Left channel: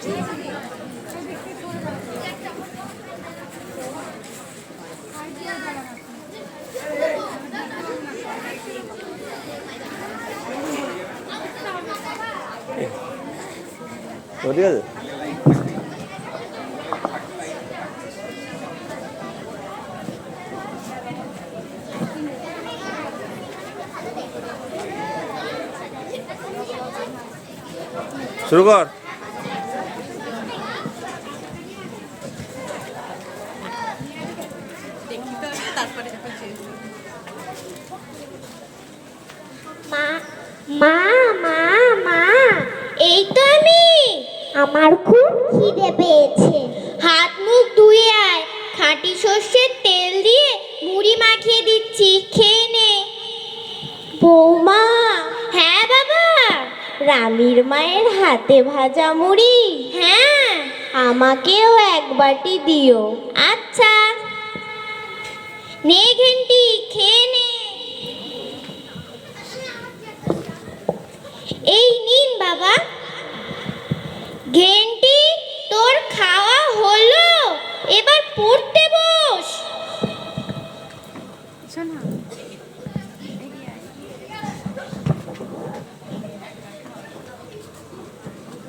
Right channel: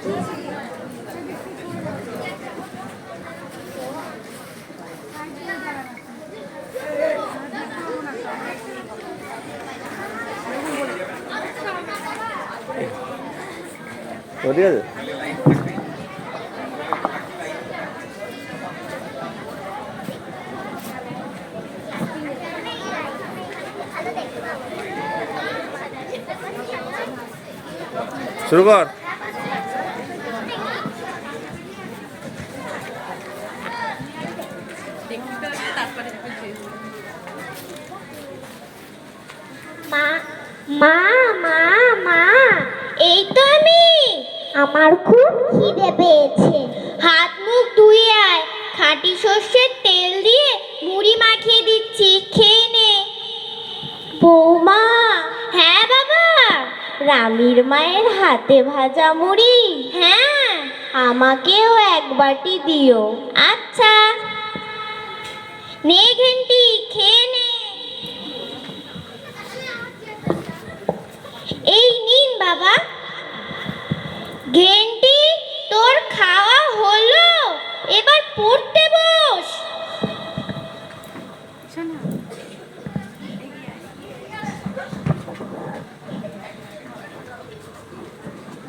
ঠিক আছে। শুরু কর। মা মা মা মা, এই তো আমি। আমার খুব খিদে পেয়েছে। হাত মুখ ধুয়ে আয়, খাঁটি সর্ষের তেল দিয়ে মুড়ি মাখিয়ে দিচ্ছি, খেয়ে নে। বৌমা। হ্যাঁ বাবা। রামির মায়ের হাতে ভাজা মুড়ি? হ্যাঁ। আমাকেও এক বাটি দিও। আচ্ছা। নে ঘেন্টি, খেয়ে নে। এই নিন বাবা। ঘেন্টি, তোর খাওয়া হলো, এবার পড়তে বস।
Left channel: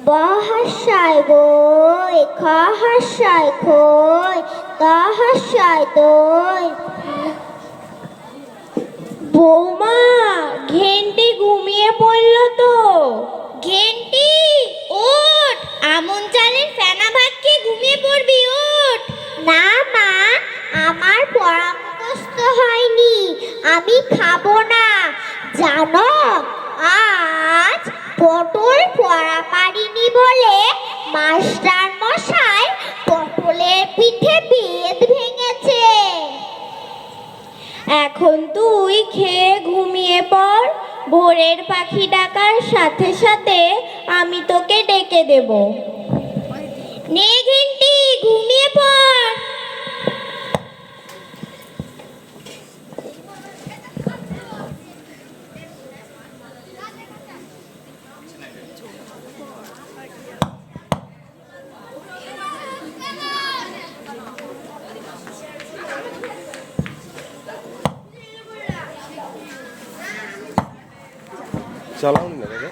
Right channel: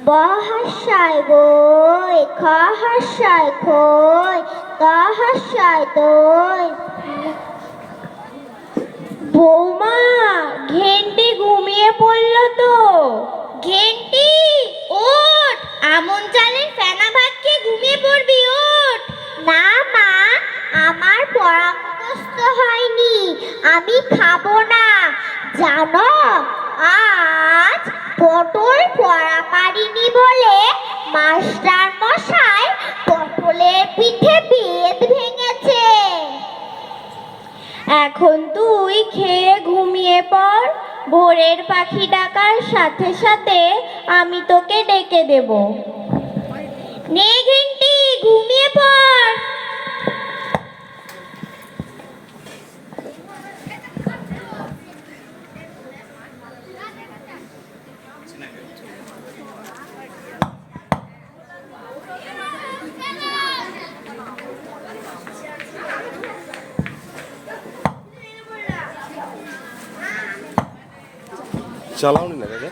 বহাসায় বই, খহাসায় খই, দহাসায় দই। বৌমা, ঘেন্টি ঘুমিয়ে পড়লো তো। ঘেন্টি ওঠ, আমন চালের ফেনা ভাত খেয়ে ঘুমিয়ে পড়বি, ওঠ। না মা, আমার পড়া মুখস্থ হয়নি, আমি খাবো না। জানো, আজ পটল পড়া পারিনি বলে মাস্টার মশাই পটলের পিঠে বেত ভেঙেছে। এখন তুই খেয়ে ঘুমিয়ে পড়, ভোরের পাখি ডাকার সাথে সাথে আমি তোকে ডেকে দেব। নে ঘেন্টি, ঘুমিয়ে পড়। চালাও না দাদা।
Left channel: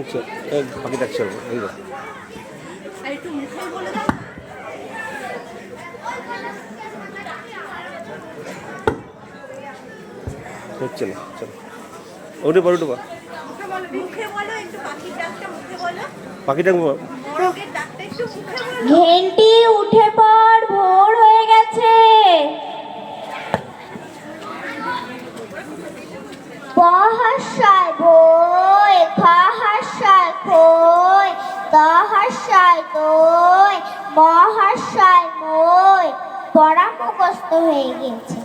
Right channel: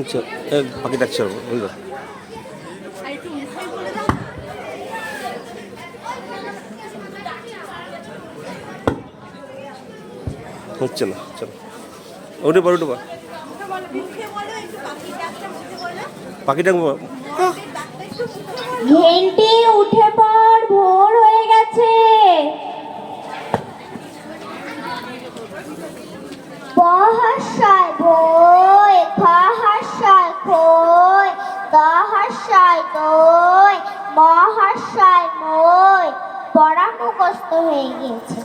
আচ্ছা, বাকি ডাকছে বুঝলো। হচ্ছে না, চলো ওঠে পর, উঠে পর। পাখি ডাকবো। ঘেন্টি উঠে পড়, ভোর হয়ে গেছে। বহাসায় বই, খহাসায় খই, দহাসায় দই, মহাশয় মই। পড়া মুখস্থ হয়ে গেছে।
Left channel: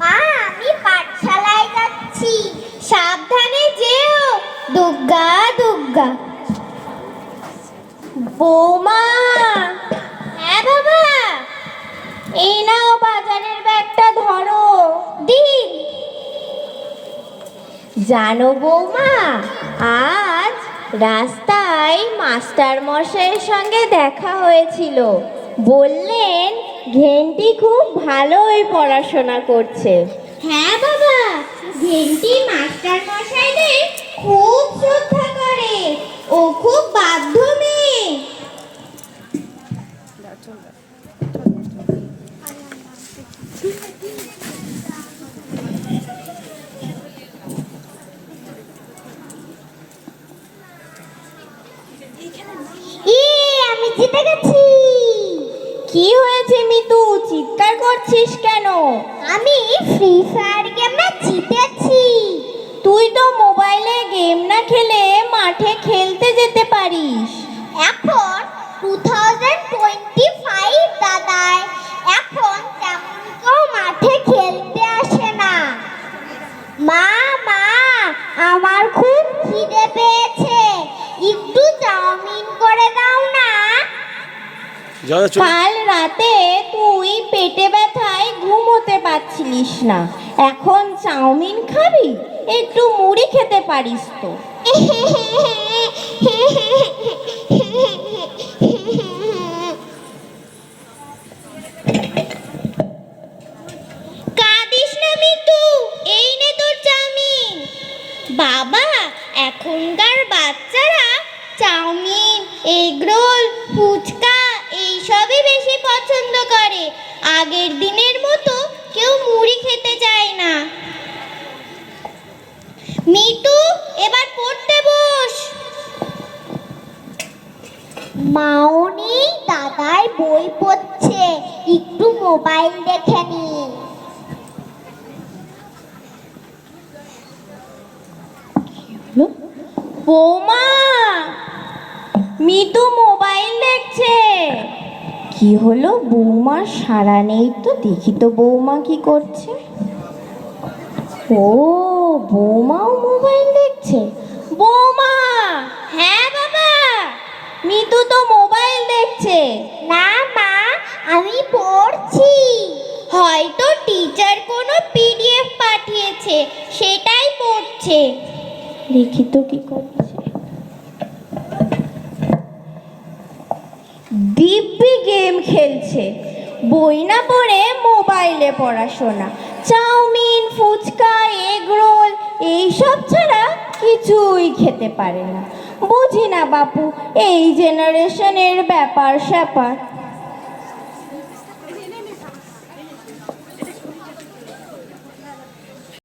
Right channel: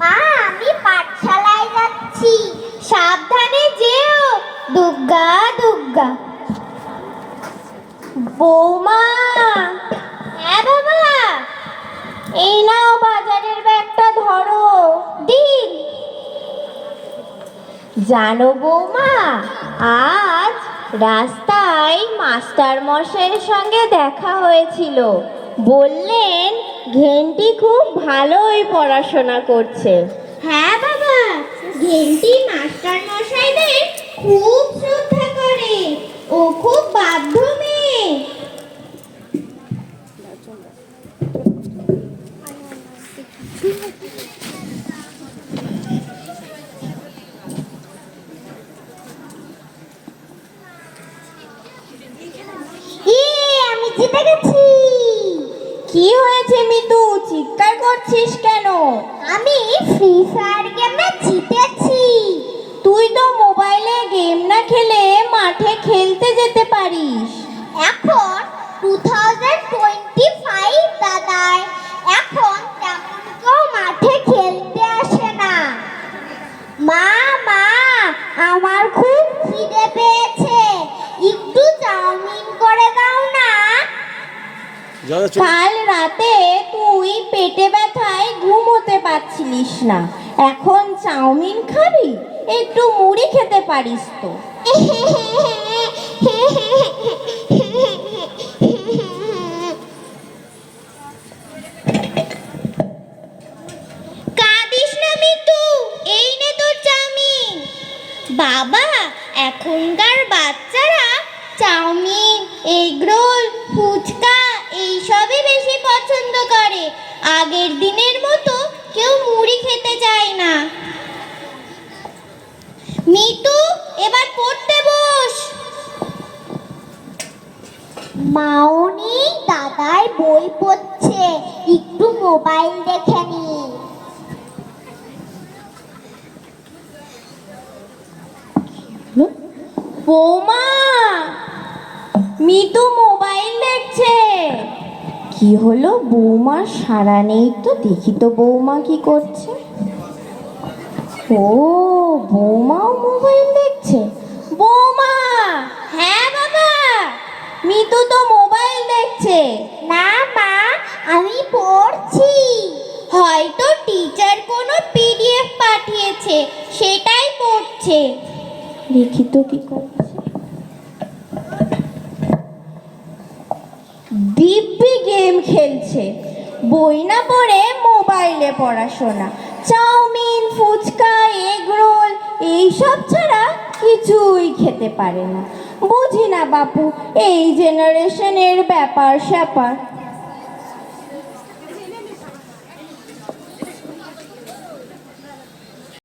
মা, আমি পাঠশালায় যাচ্ছি, সাবধানে যেও। দুগ্গা দুগ্গা। বৌমা। হ্যাঁ বাবা। এই নাও বাজারের ব্যাগটা ধরো। দিন। জানো বৌমা, আজ রাস্তায় মাস্টার মশাইয়ের সঙ্গে দেখা হয়েছিল। বললেন ঘেন্টি খুব ভালোই পড়াশোনা করছে। হ্যাঁ বাবা, ঘেন্টি মাস্টার মশাইদের খুব শ্রদ্ধা করে, ও খুব বাধ্য মেয়ে। আমি জিতে গেছি। কি হয়েছে মিতু, চিৎকার করছিস কেন? আমি ফ্রি ফায়ার গেমে জিতেছি। তুই তো মোবাইলে গেম না খেলে মাঠে খেলতে যেতে পারিস। এখন 2025 দাদাই, এখন তেমন কেউ মাঠে খেলতে আসে না। মা মা, আমার খুব খিদে পেয়েছে, একটু চাউমিন করে দাও না। কাল রাতে তুই তুই পেটে ব্যথায় ঘুমোতে পারছিলিস না, এখন চাউমিন খাবি? একটু মুড়ি খেতে পারিস তো। কাঁদিস না মিতু, এই নে তোর চাউমিন। বাবা, এখনকার বাচ্চারা চাউমিন, এগরোল, ফুচকা এইসবই বেশি পছন্দ করে। আগের দিনের মতো কেউ মুড়ি খেতে চায় না। মিতু, এবার পড়তে বস। মাউনি দাদাই বই পড়ছে, একটু মোবাইল দেখে নি। বৌমা, মিতু মোবাইল দেখছে। কি হলো, বৌমার সাড়া নেই তো? দেখি তো বৌমা কি করছে। ও, বৌমাও মোবাইল দেখছে। বৌমা! হ্যাঁ বাবা। মিতু তো মোবাইল দেখছে। না মা, আমি পড়ছি। হয়তো টিচার কোনো পিডিএফ পাঠিয়েছে, সেটাই পড়ছে। দেখি তো কি করছে। দিব্যি গেম খেলছে, বই না পড়ে মোবাইলে পড়াশোনা। চাউমিন, ফুচকা, এগ রোল এইসব ছাড়া কিছুই খেতে পারে না। বুঝি না বাপু, এই জেনারেশনের ব্যাপার স্যাপার।